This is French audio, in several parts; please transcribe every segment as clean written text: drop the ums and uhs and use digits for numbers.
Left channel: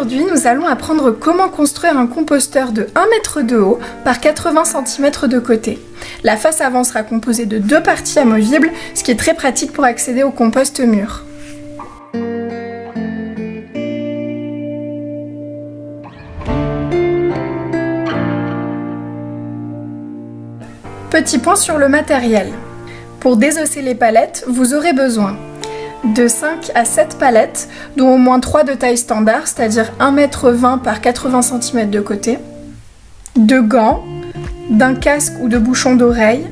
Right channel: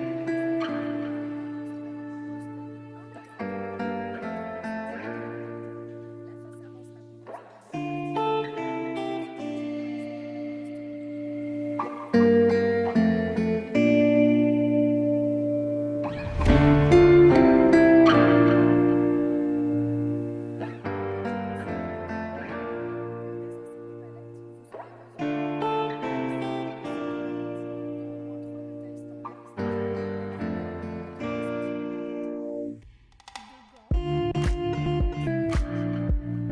Aujourd'hui, nous allons apprendre comment construire un composteur de 1 mètre de haut par 80 cm de côté. La face avant sera composée de 2 parties amovibles, ce qui est très pratique pour accéder au compost mûr. Petit point sur le matériel. Pour désosser les palettes, vous aurez besoin de 5 à 7 palettes, dont au moins 3 de taille standard, c'est-à-dire 1,20 m par 80 cm de côté, de gants, d'un casque ou de bouchon d'oreille,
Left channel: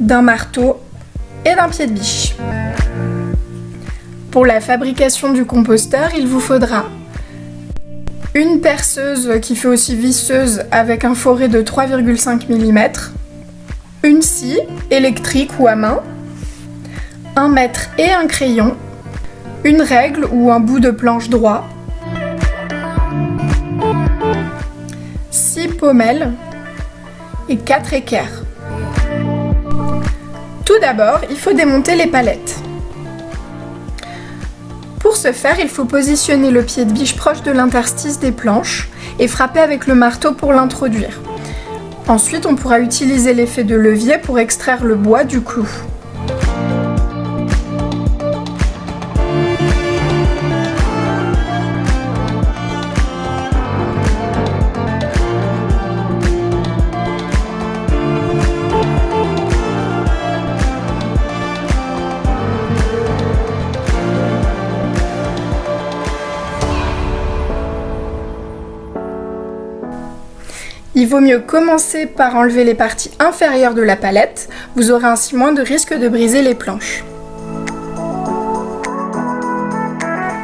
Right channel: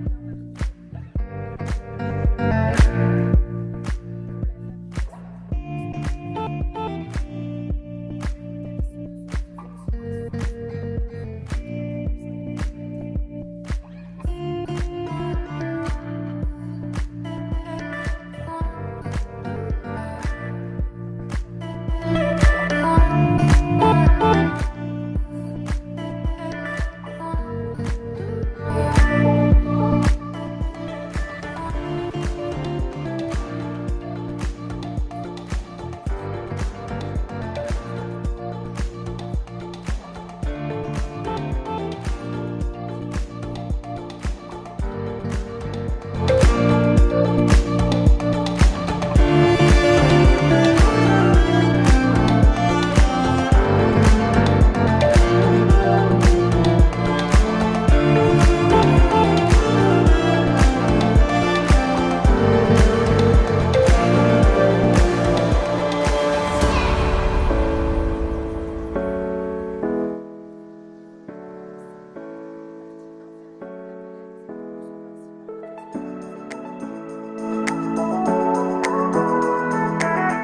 d'un marteau et d'un pied de biche. Pour la fabrication du composteur, il vous faudra une perceuse qui fait aussi visseuse avec un foret de 3,5 mm, une scie électrique ou à main, un mètre et un crayon, une règle ou un bout de planche droit, 6 pommelles et 4 équerres. Tout d'abord, il faut démonter les palettes. Pour ce faire, il faut positionner le pied de biche proche de l'interstice des planches et frapper avec le marteau pour l'introduire. Ensuite, on pourra utiliser l'effet de levier pour extraire le bois du clou. Il vaut mieux commencer par enlever les parties inférieures de la palette, vous aurez ainsi moins de risque de briser les planches.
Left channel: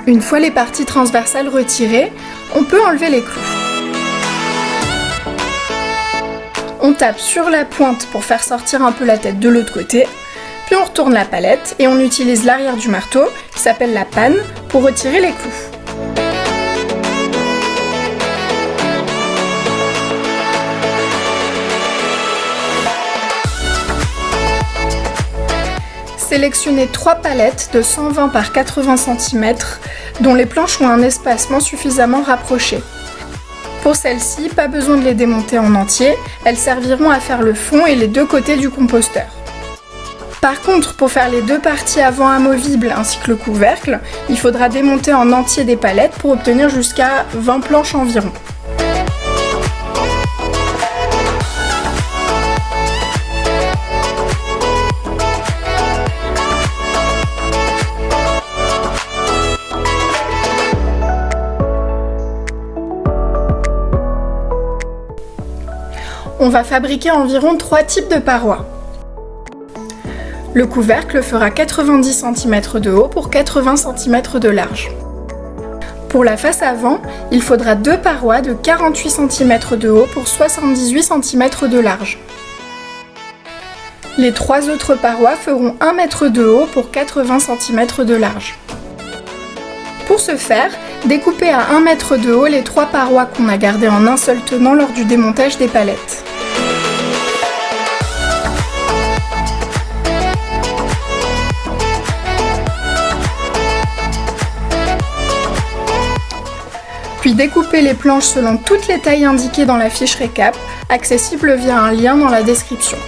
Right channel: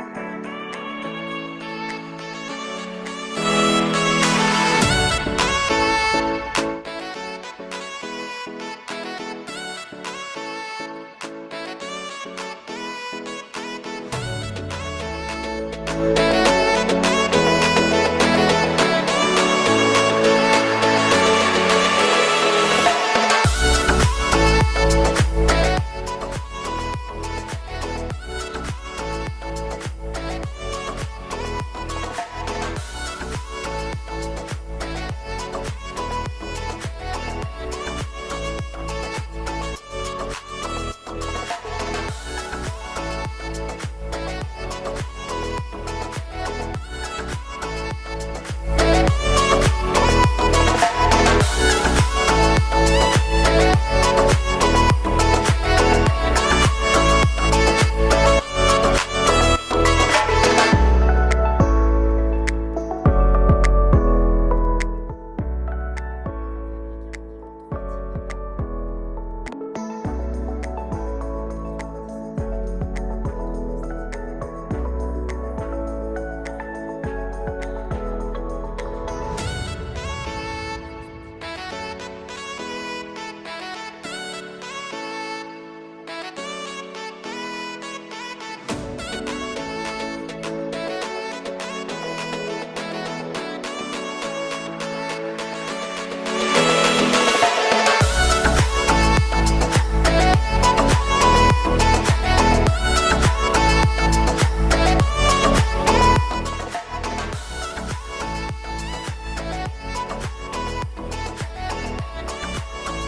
Une fois les parties transversales retirées, on peut enlever les clous. On tape sur la pointe pour faire sortir un peu la tête de l'autre côté, puis on retourne la palette et on utilise l'arrière du marteau, qui s'appelle la panne, pour retirer les clous. Sélectionnez 3 palettes de 120 par 80 cm dont les planches ont un espacement suffisamment rapproché. Pour celles-ci, pas besoin de les démonter en entier, elles serviront à faire le fond et les 2 côtés du composteur. Par contre, pour faire les 2 parties avant amovibles ainsi que le couvercle, il faudra démonter en entier des palettes pour obtenir jusqu'à 20 planches environ. On va fabriquer environ 3 types de parois. Le couvercle fera 90 cm de haut pour 80 cm de large. Pour la face avant, il faudra 2 parois de 48 cm de haut pour 78 cm de large. Les 3 autres parois feront 1 m de haut pour 80 cm de large. Pour ce faire, découpez à 1 m de haut les 3 parois qu'on a gardées en un seul tenant lors du démontage des palettes. Puis découpez les planches selon toutes les tailles indiquées dans la fiche récap, accessible via un lien dans la description.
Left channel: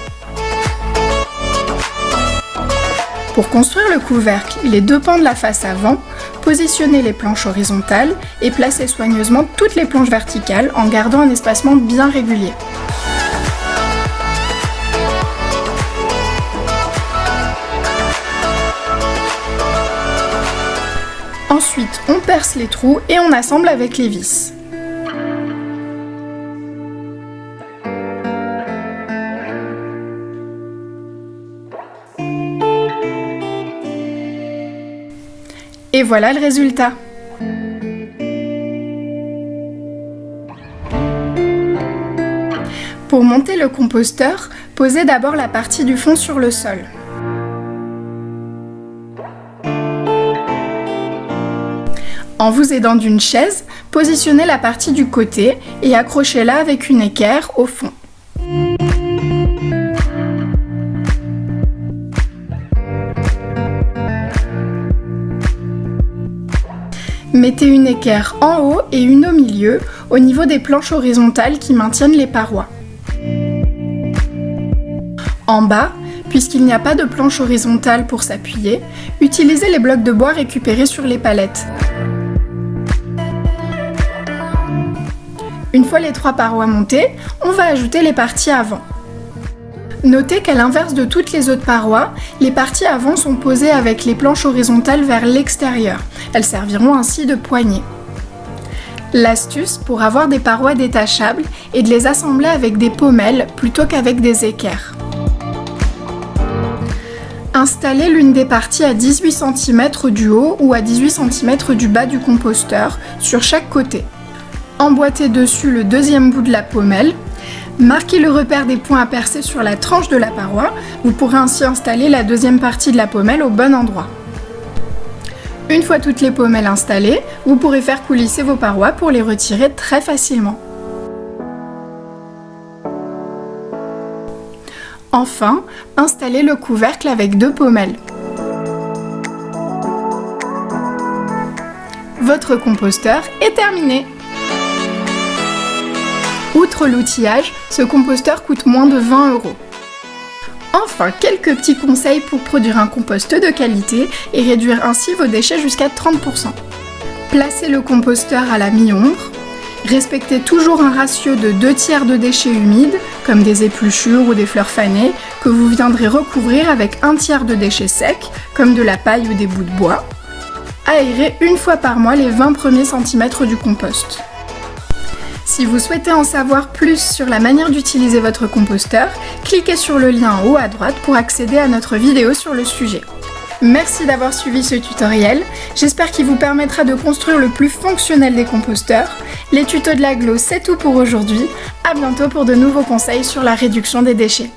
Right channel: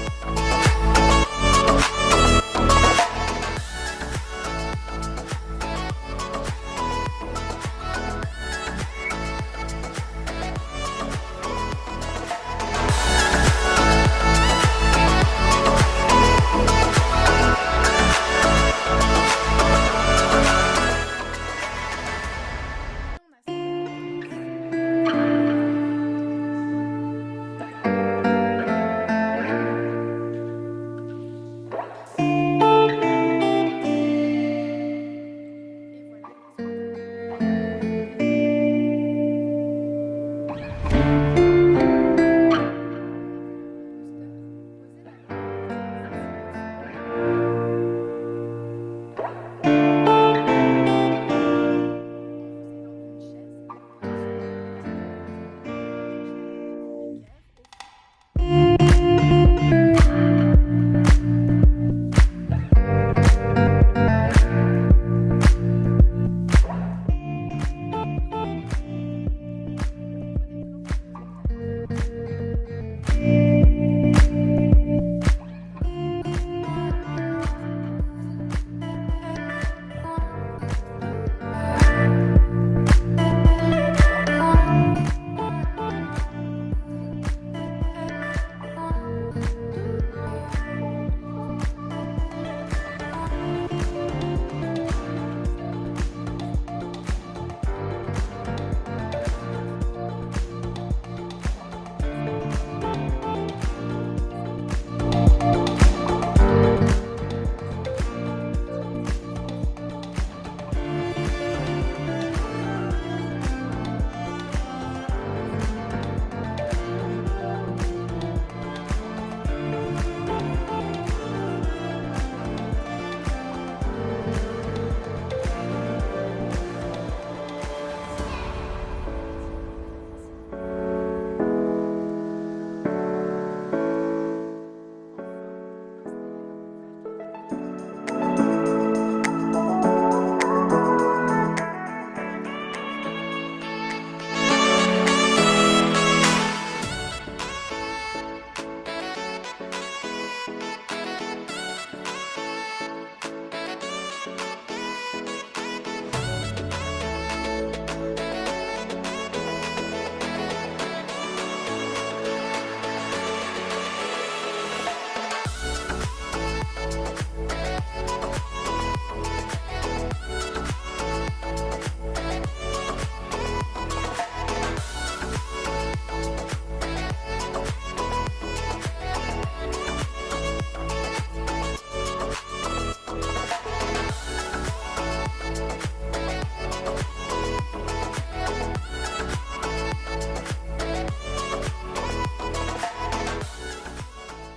Pour construire le couvercle et les 2 pans de la face avant, positionnez les planches horizontales et placez soigneusement toutes les planches verticales en gardant un espacement bien régulier. Ensuite, on perce les trous et on assemble avec les vis. Et voilà le résultat. Pour monter le composteur, posez d'abord la partie du fond sur le sol. En vous aidant d'une chaise, positionnez la partie du côté et accrochez-la avec une équerre au fond. Mettez une équerre en haut et une au milieu, au niveau des planches horizontales qui maintiennent les parois. En bas, puisqu'il n'y a pas de planche horizontale pour s'appuyer, utilisez les blocs de bois récupérés sur les palettes. Une fois les 3 parois montées, on va ajouter les parties avant. Notez qu'à l'inverse de toutes les autres parois, les parties avant sont posées avec les planches horizontales vers l'extérieur. Elles serviront ainsi de poignée. L'astuce pour avoir des parois détachables est de les assembler avec des pommelles plutôt qu'avec des équerres. Installez l'une des parties à 18 cm du haut ou à 18 cm du bas du composteur, sur chaque côté. Emboîtez dessus le deuxième bout de la pommelle. Marquez le repère des points à percer sur la tranche de la paroi. Vous pourrez ainsi installer la deuxième partie de la pommelle au bon endroit. Une fois toutes les pommelles installées, vous pourrez faire coulisser vos parois pour les retirer très facilement. Enfin, installez le couvercle avec 2 pommelles. Votre composteur est terminé! Outre l'outillage, ce composteur coûte moins de 20 €. Enfin, quelques petits conseils pour produire un compost de qualité et réduire ainsi vos déchets jusqu'à 30%. Placez le composteur à la mi-ombre. Respectez toujours un ratio de 2/3 de déchets humides, comme des épluchures ou des fleurs fanées, que vous viendrez recouvrir avec 1/3 de déchets secs, comme de la paille ou des bouts de bois. Aérez une fois par mois les 20 premiers centimètres du compost. Si vous souhaitez en savoir plus sur la manière d'utiliser votre composteur, cliquez sur le lien en haut à droite pour accéder à notre vidéo sur le sujet. Merci d'avoir suivi ce tutoriel, j'espère qu'il vous permettra de construire le plus fonctionnel des composteurs. Les tutos de l'Aglo, c'est tout pour aujourd'hui, à bientôt pour de nouveaux conseils sur la réduction des déchets.